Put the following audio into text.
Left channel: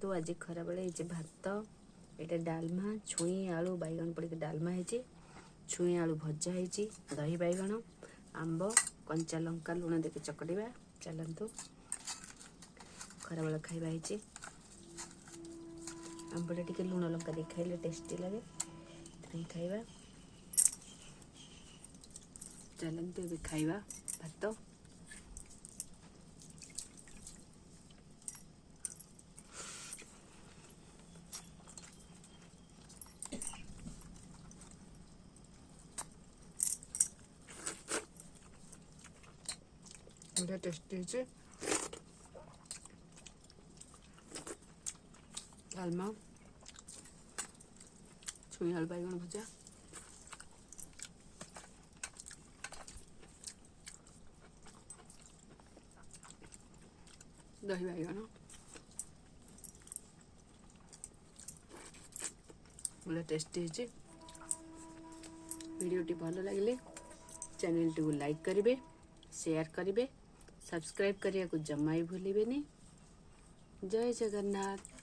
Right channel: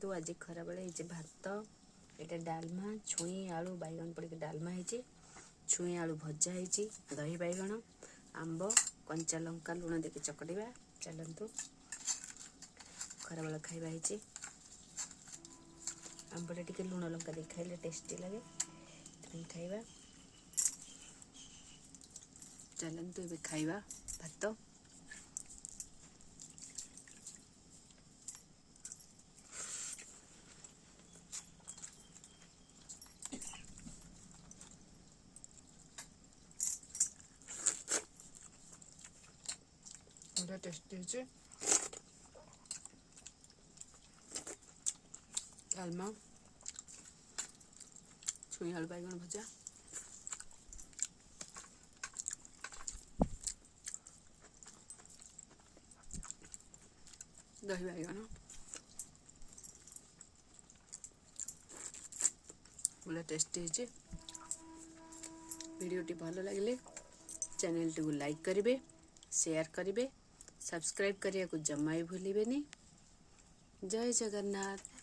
चलतु आज खरा बेले भात ये डालमा छुई आलू बैगन पड़ डालमा है छुई आलू भजा है दही बैगन आंब कंचा लंका लुण देके चकड़ा चलतु खरा बेला खाइबा है आंबटा टिके लुण लंका दे खाइले टेस्टी लगे खाइबा चलतु ये खाइबा भात टेस्टी है डालमा छुई आलू बैगन भजा दही बैगन बोले टेस्टी है। वीडियोटी भल लगे चैनल टी लाइक करेंगे शेयर करेंगे सब्सक्राइब करने को जमा ही भूलिए। जय जगन्नाथ।